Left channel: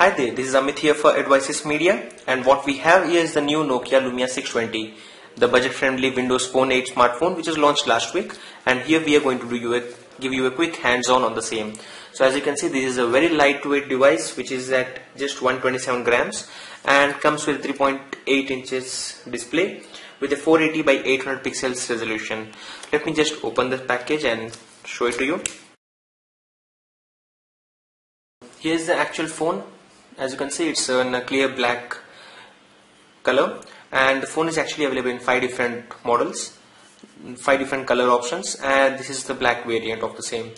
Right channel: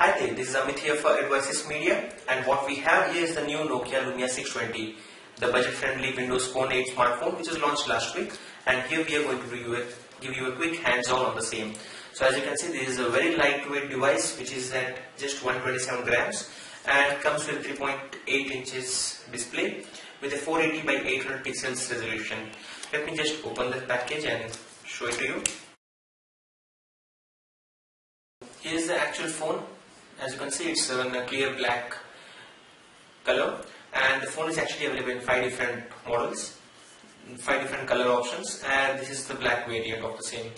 Hi there, this is Amit here for Advices Media, and what we have here is the new Nokia Lumia 620, the budget-friendly Windows Phone 8 smartphone which was launched last week, and here we are going to give you a quick hands-on on the same. So as you can see, this is a very lightweight device which is at just 127 grams and comes with 3.8 inches display with a 480 by 800 pixels resolution. Let me just open the package and show it to you. Here is the actual phone. As you can see, it's in a clear black color, and the phone is actually available in 5 different models, 5 different color options, and this is the black variant of the same.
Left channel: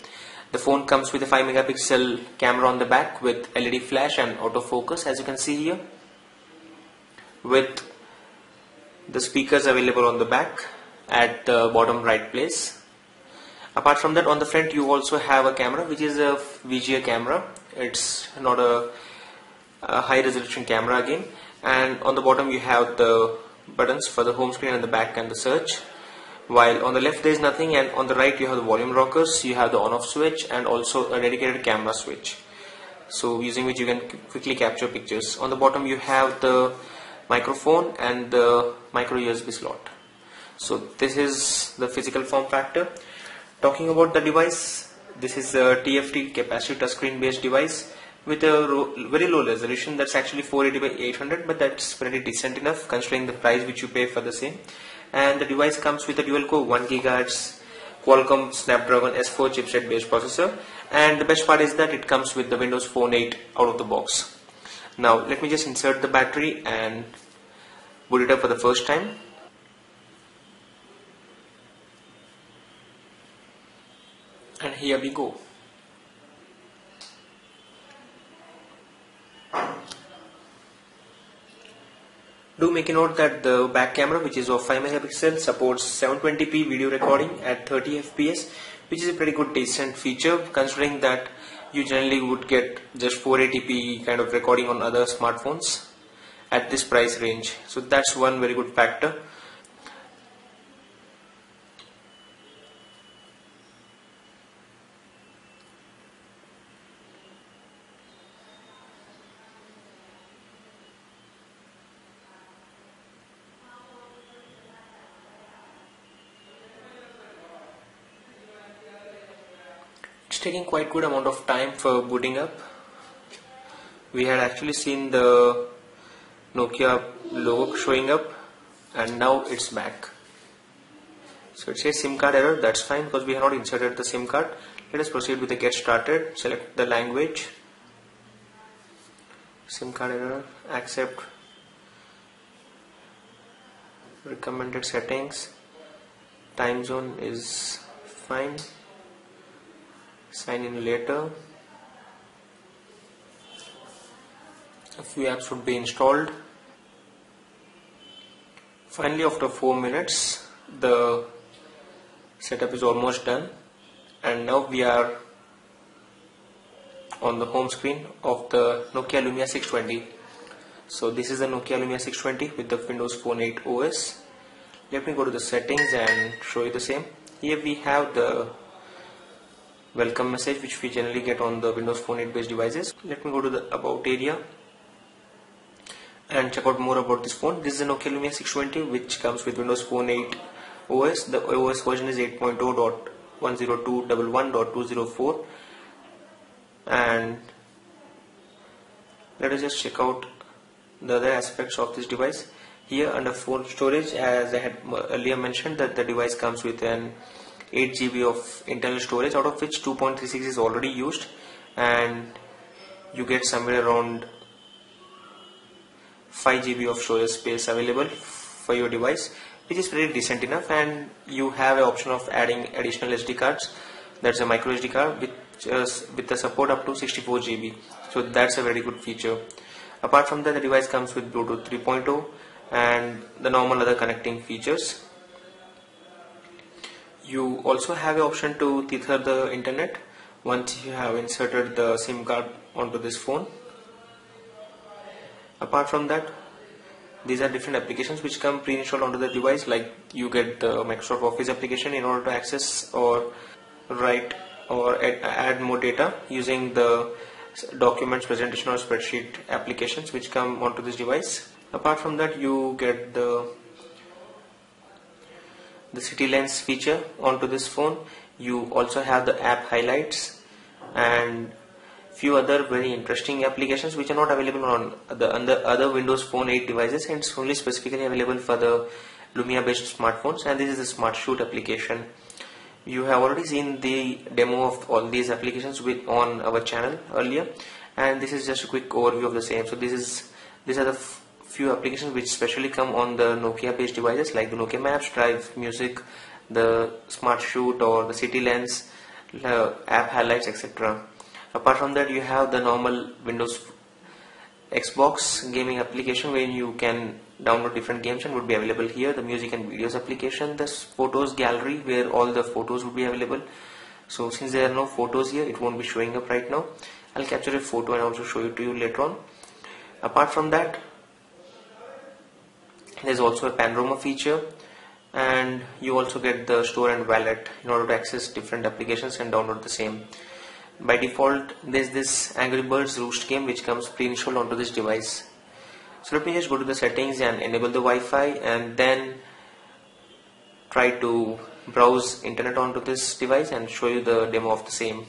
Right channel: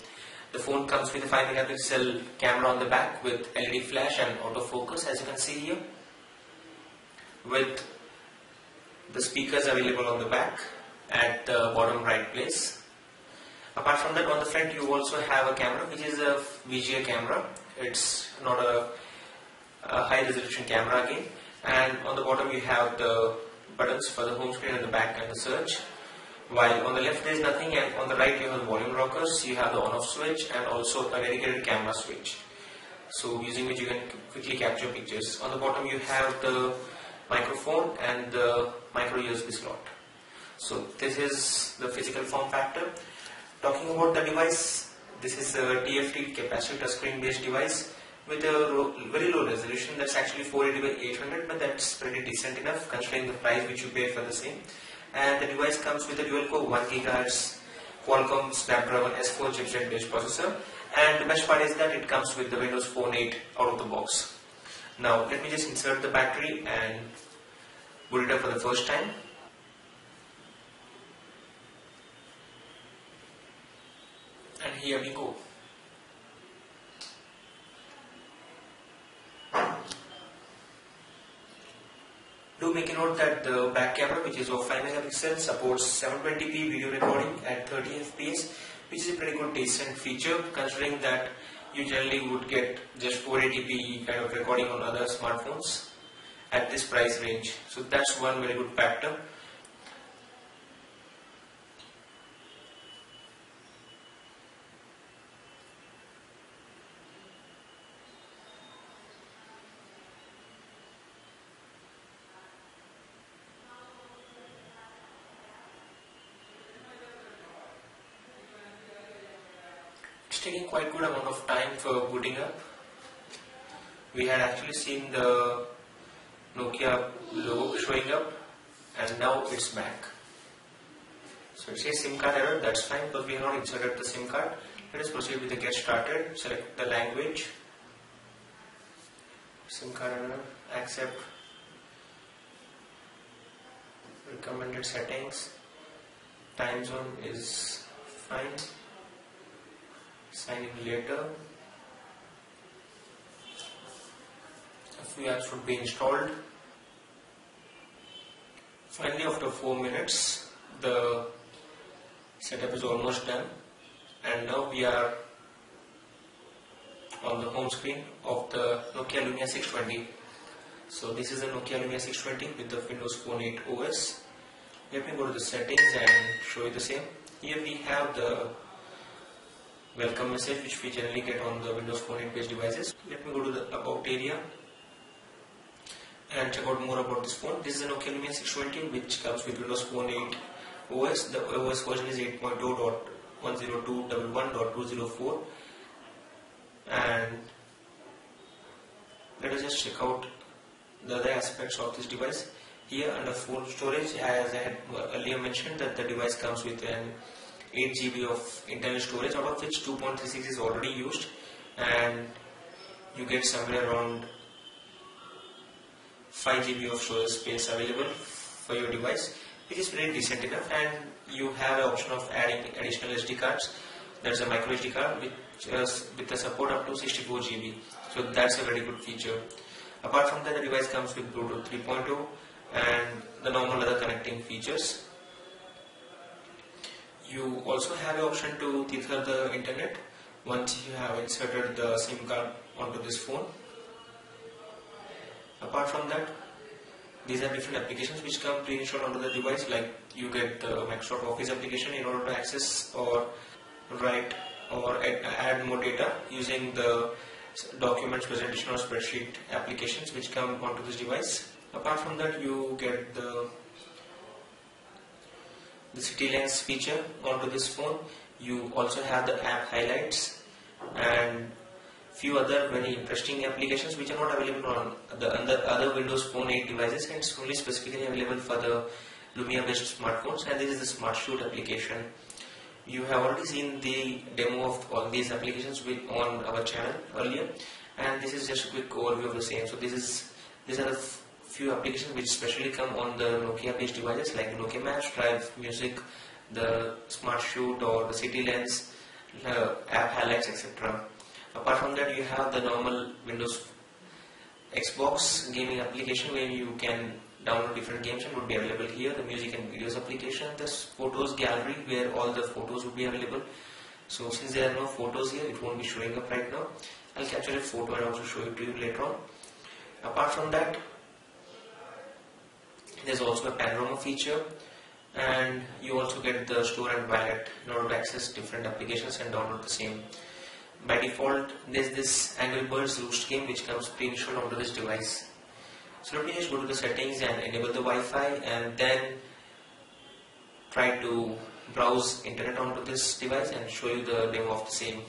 The phone comes with a 5 megapixel camera on the back with LED flash and autofocus, as you can see here, with the speakers available on the back at the bottom right place. Apart from that, on the front you also have a camera which is a VGA camera. It's not a high resolution camera again, and on the bottom you have the buttons for the home screen and the back and the search, while on the left there is nothing, and on the right you have the volume rockers, you have the on off switch and also a dedicated camera switch, so using which you can quickly capture pictures. On the bottom you have the microphone and the micro USB slot. So this is the physical form factor. Talking about the device, this is a TFT capacitive touchscreen based device with a very low resolution. That's actually 480 by 800, but that's pretty decent enough considering the price which you pay for the same. And the device comes with a dual core 1 GHz Qualcomm Snapdragon S4 chipset based processor, and the best part is that it comes with the Windows Phone 8 out of the box. Now let me just insert the battery and boot it up for the first time. And here we go. Do make a note that the back camera, which is of 5 megapixels, supports 720p video recording at 30 fps, which is a pretty good decent feature considering that you generally would get just 480p kind of recording on other smartphones at this price range. So that's one very good factor. It's taking quite good amount of time for booting up. We had actually seen the Nokia logo showing up, and now it's back. So it says SIM card error. That's fine because we have not inserted the SIM card. Let us proceed with the get started. Select the language, SIM card error, accept, recommended settings, time zone is fine, sign in later. A few apps would be installed. Finally, after 4 minutes, the setup is almost done, and now we are on the home screen of the Nokia Lumia 620. So this is the Nokia Lumia 620 with the Windows Phone 8 OS. Let me go to the settings and show you the same. Here we have the welcome message which we generally get on the Windows Phone 8 based devices. Let me go to the about area and check out more about this phone. This is a Nokia Lumia 620 which comes with Windows Phone 8 OS. The OS version is 8.0.102.11.204, and let us just check out the other aspects of this device. Here under phone storage, as I had earlier mentioned, that the device comes with an 8 GB of internal storage, out of which 2.36 is already used, and you get somewhere around 5 GB of storage space available for your device, which is pretty decent enough. And you have an option of adding additional SD cards. That's a micro SD card with the support up to 64 GB. So that's a very good feature. Apart from that, the device comes with Bluetooth 3.0 and the normal other connecting features. You also have an option to tether the internet once you have inserted the SIM card onto this phone. Apart from that, these are different applications which come pre-installed onto the device, like you get the Microsoft Office application in order to access or write or add more data using the documents, presentation or spreadsheet applications which come onto this device. Apart from that, you get the City Lens feature onto this phone. You also have the app highlights and few other very interesting applications which are not available on the other Windows Phone 8 devices, and it's only specifically available for the Lumia based smartphones. And this is the Smart Shoot application. You have already seen the demo of all these applications on our channel earlier, and this is just a quick overview of the same. So these are the few applications which specially come on the Nokia based devices like the Nokia Maps, Drive, Music, the Smart Shoot or the City Lens, app highlights, etc. Apart from that, you have the normal Windows Xbox gaming application where you can download different games and would be available here. The music and videos application, the photos gallery where all the photos would be available. So since there are no photos here, it won't be showing up right now. I'll capture a photo and also show it to you later on. Apart from that, there's also a panorama feature, and you also get the store and wallet in order to access different applications and download the same. By default, there's this Angry Birds Roost game which comes pre-installed onto this device. So let me just go to the settings and enable the Wi-Fi, and then try to browse internet onto this device and show you the demo of the same.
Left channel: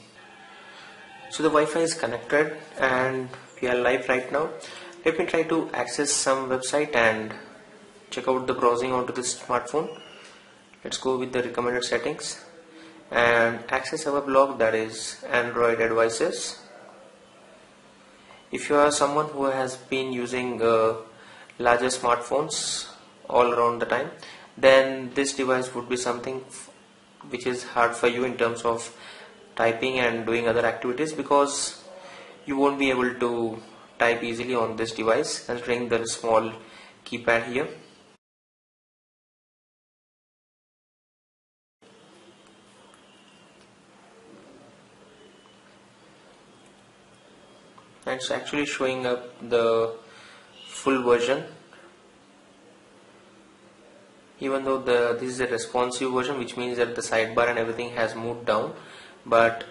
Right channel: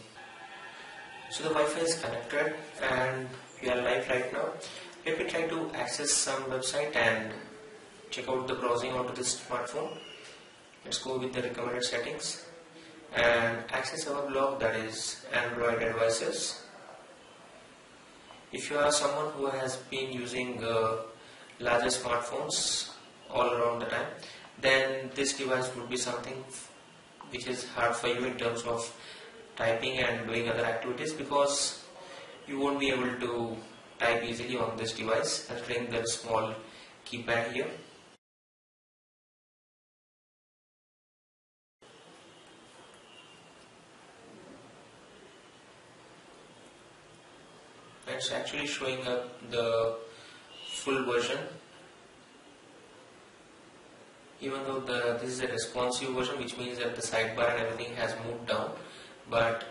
So the Wi-Fi is connected and we are live right now. Let me try to access some website and check out the browsing onto this smartphone. Let's go with the recommended settings and access our blog, that is Android Advices. If you are someone who has been using larger smartphones all around the time, then this device would be something which is hard for you in terms of typing and doing other activities, because you won't be able to type easily on this device considering the small keypad here. It's actually showing up the full version, even though this is a responsive version, which means that the sidebar and everything has moved down, but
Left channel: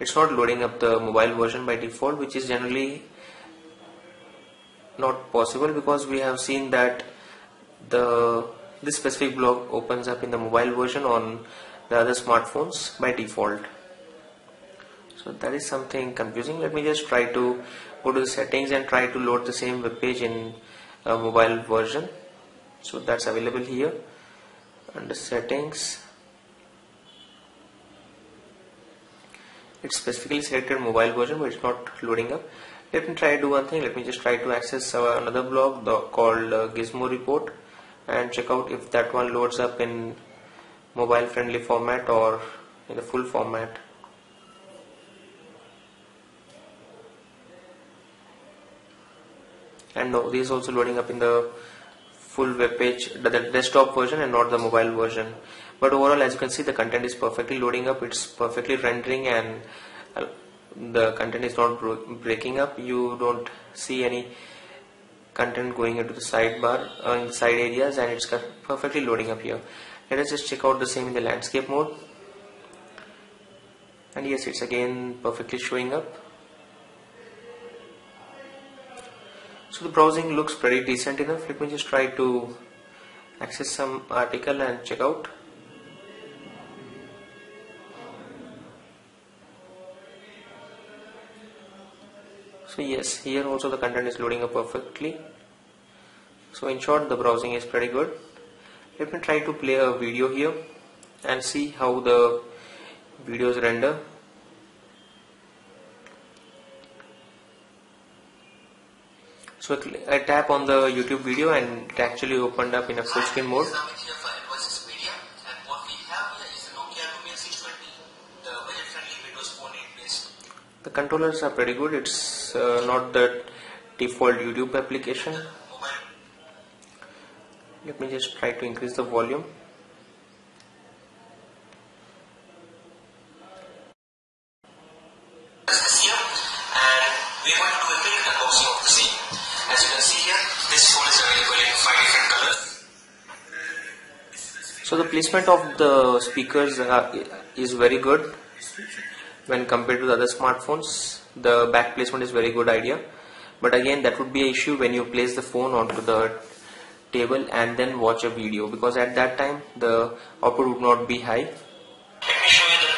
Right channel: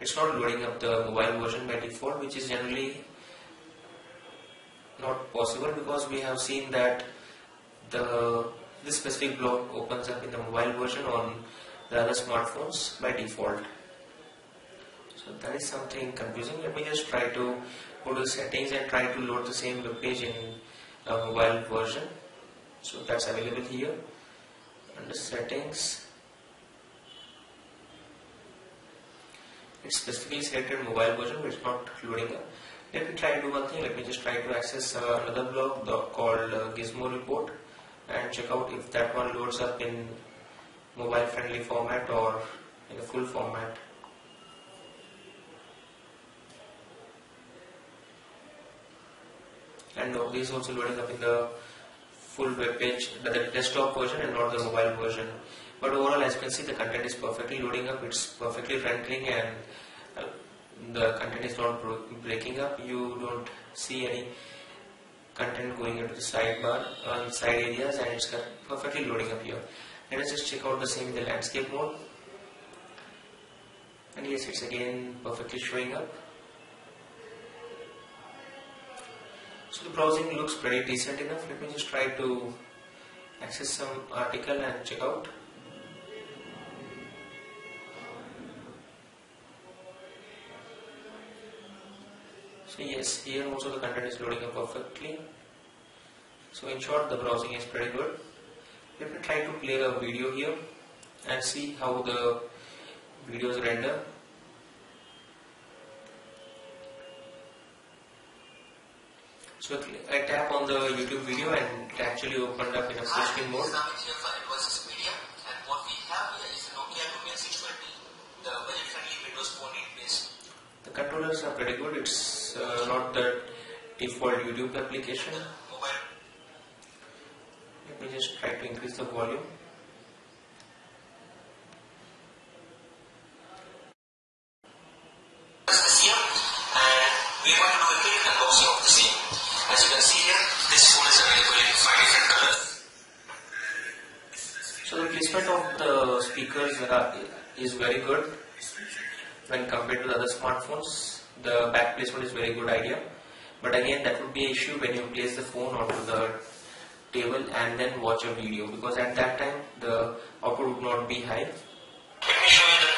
it's not loading up the mobile version by default, which is generally not possible because we have seen that this specific blog opens up in the mobile version on the other smartphones by default. So that is something confusing. Let me just try to go to the settings and try to load the same web page in a mobile version. So that's available here under settings. It's specifically selected mobile version, but it's not loading up. Let me try to do one thing. Let me just try to access another blog called Gizmo Report and check out if that one loads up in mobile friendly format or in the full format. And this is also loading up in the full web page, the desktop version and not the mobile version. But overall, as you can see, the content is perfectly loading up, it's perfectly rendering, and the content is not breaking up. You don't see any content going into the sidebar side areas, and it's perfectly loading up here. Let us just check out the same in the landscape mode, and yes, it's again perfectly showing up. So the browsing looks pretty decent enough. Let me just try to access some article and check out. So yes, here also the content is loading up perfectly. So in short, the browsing is pretty good. Let me try to play a video here and see how the videos render. So I tap on the YouTube video and it actually opened up in a full screen mode. The controllers are pretty good. It's not the default YouTube application. Let me just try to increase the volume. As you can see here, this phone is available in 5 different colors. So the placement of the speakers is very good when compared to the other smartphones. the back placement is very good idea, but again that would be an issue when you place the phone onto the table and then watch a video, because at that time the output would not be high. Let me show you the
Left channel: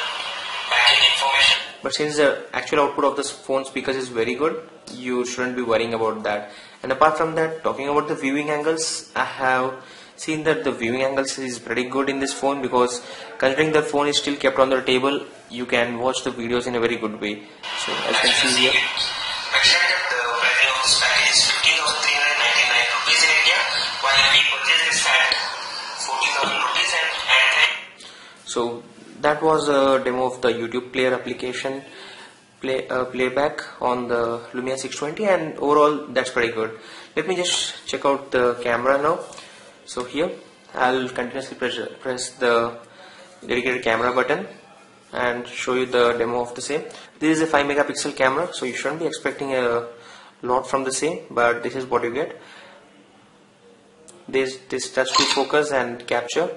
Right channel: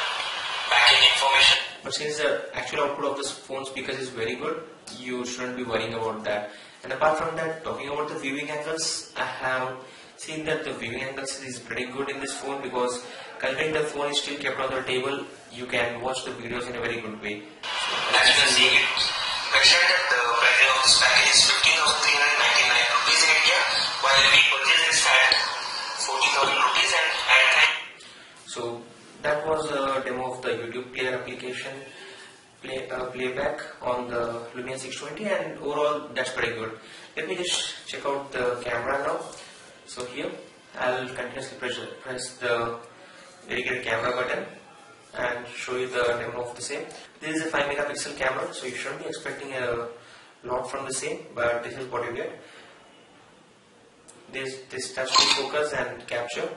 backend information. But since the actual output of the phone speakers is very good, you shouldn't be worrying about that. And apart from that, talking about the viewing angles, I have seen that the viewing angles is pretty good in this phone, because considering the phone is still kept on the table, you can watch the videos in a very good way. So as you can see here, mentioned that the pricing of this package is 15,399 rupees in India, while we purchase this at 40,000 rupees and so that was a demo of the YouTube player application playback on the Lumia 620, and overall that's pretty good. Let me just check out the camera now. So here I'll continuously press the dedicated camera button and show you the demo of the same. This is a 5 megapixel camera, so you shouldn't be expecting a lot from the same, but this is what you get. This touch to focus and capture,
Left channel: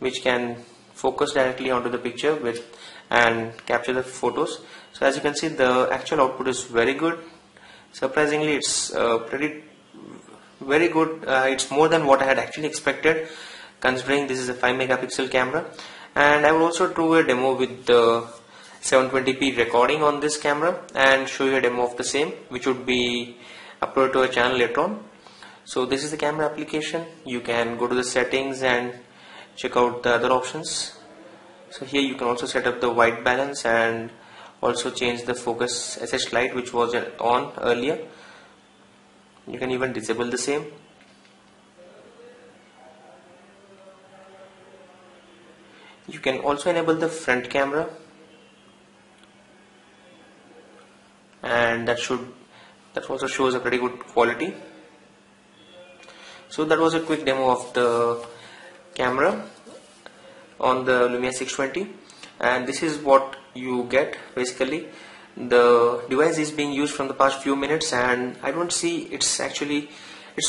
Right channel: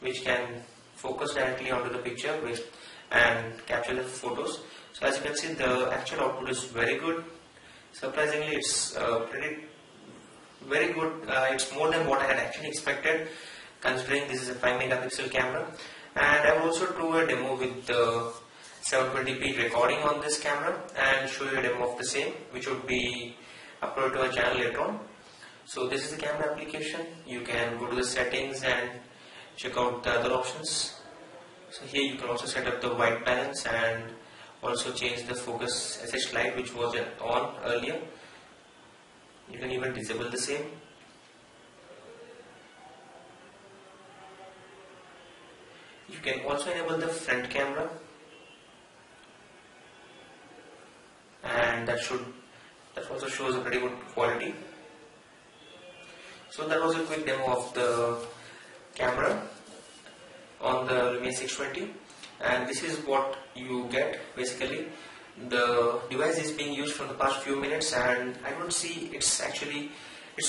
which can focus directly onto the picture and capture the photos. So as you can see, the actual output is very good. Surprisingly, it's very good. It's more than what I had actually expected, considering this is a 5 megapixel camera. And I will also do a demo with the 720p recording on this camera and show you a demo of the same, which would be uploaded to a channel later on. So this is the camera application. You can go to the settings and check out the other options. So here you can also set up the white balance and also change the focus SS light, which was on earlier. You can even disable the same. You can also enable the front camera, and that also shows a pretty good quality. So that was a quick demo of the camera on the Lumia 620, and this is what you get basically. The device is being used from the past few minutes, and I don't see it's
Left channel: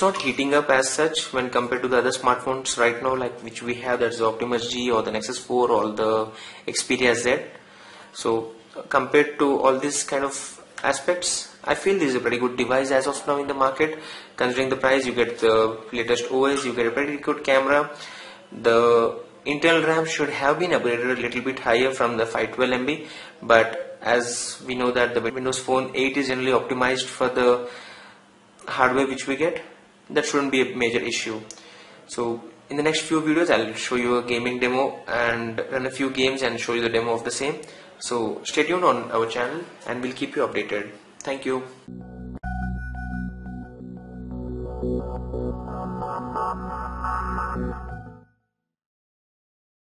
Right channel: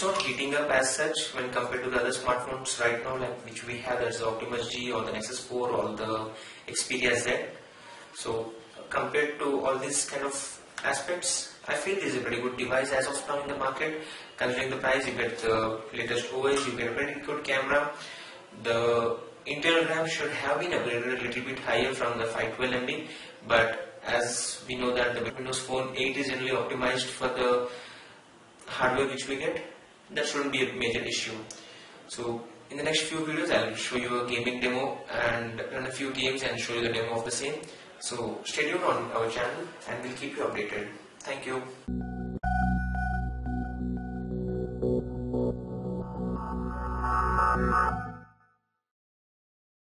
not heating up as such when compared to the other smartphones right now, like which we have, that's the Optimus G or the Nexus 4 or the Xperia Z. So compared to all these kind of aspects, I feel this is a pretty good device as of now in the market. Considering the price, you get the latest OS, you get a pretty good camera. The internal RAM should have been upgraded a little bit higher from the 512 MB, but as we know that the Windows Phone 8 is generally optimized for the hardware which we get, that shouldn't be a major issue. So in the next few videos I'll show you a gaming demo and run a few games and show you the demo of the same. So stay tuned on our channel and we'll keep you updated. Thank you.